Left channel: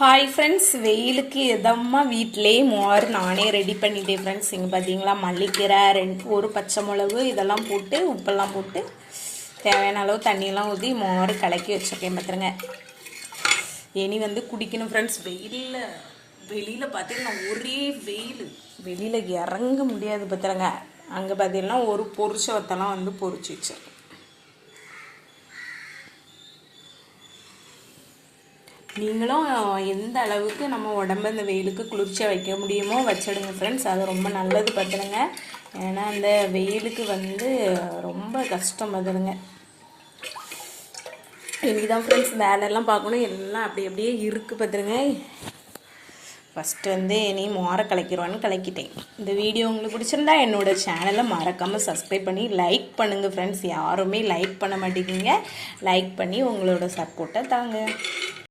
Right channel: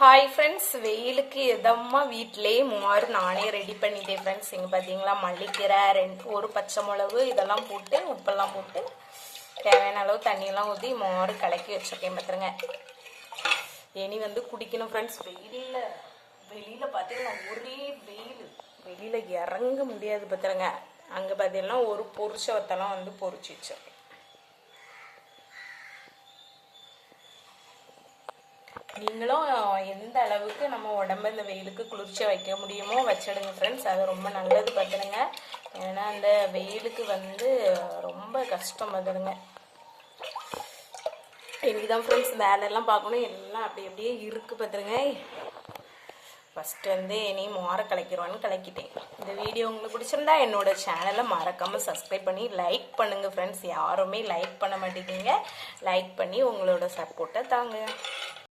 Hi friends, வெயிலுக்கு எதம்மா வீட்டிலே மோர் நானே ரெடி பண்ணிட்டேன் ஃப்ரெண்ட்ஸ். இங்கே பார்த்தீங்களா, மல்லிக்கீரை, ஒரு பச்சை மிளகு இதெல்லாம் போட்டு உப்பெல்லாம் போட்டு தேவையான அளவு தண்ணியெல்லாம் ஊற்றி மோர் கலக்கி வச்சுருக்கேன் பார்த்துருங்க. இனி குடிக்கணும் ஃப்ரெண்ட்ஸ். வெளியில் பார்த்தீங்கன்னா ஒரே வெளியில் இறங்க முடியாது பார்த்துருங்க. அங்கே பார்த்தீங்கன்னா ஒரு பொரிச்ச வத்தெல்லாம் பொரிச்சு வச்சிருக்கேன். நீங்களும் எந்த அளவுக்கு நம்ம உடம்பு இந்த வெயிலுக்கு குளிர்ச்சியாக வைக்க முடியுமோ வச்சிடுங்க ஃப்ரெண்ட்ஸ். அது ரொம்ப நல்லது பார்த்துடுங்க. ஏன்னா அந்த வெயிலுக்கு ரொம்ப கஷ்டம் பார்த்துடுங்க. இன்றைக்கி தான் ஃப்ரெண்ட்ஸ் வேலையெல்லாம் பார்க்கணும், எல்லாம் அப்படியே இருக்குது பார்த்துருங்க. ஃபஸ்ட்டு இனி மோரை கலக்கிடுவான்னு கலக்கிட்டேன். இந்த வீடியோ உங்களுக்கு பிடிச்சிருந்தா என்னோடய சேனலை மறக்காமல் சப்ஸ்கிரைப் பண்ணி லைக் பண்ணுங்கள் ஃப்ரெண்ட்ஸ். யாருமே லைக் பண்ண மாட்டேங்கிங்க. லைக் பண்ணி உங்களோட சப்போர்ட்டை தாங்க.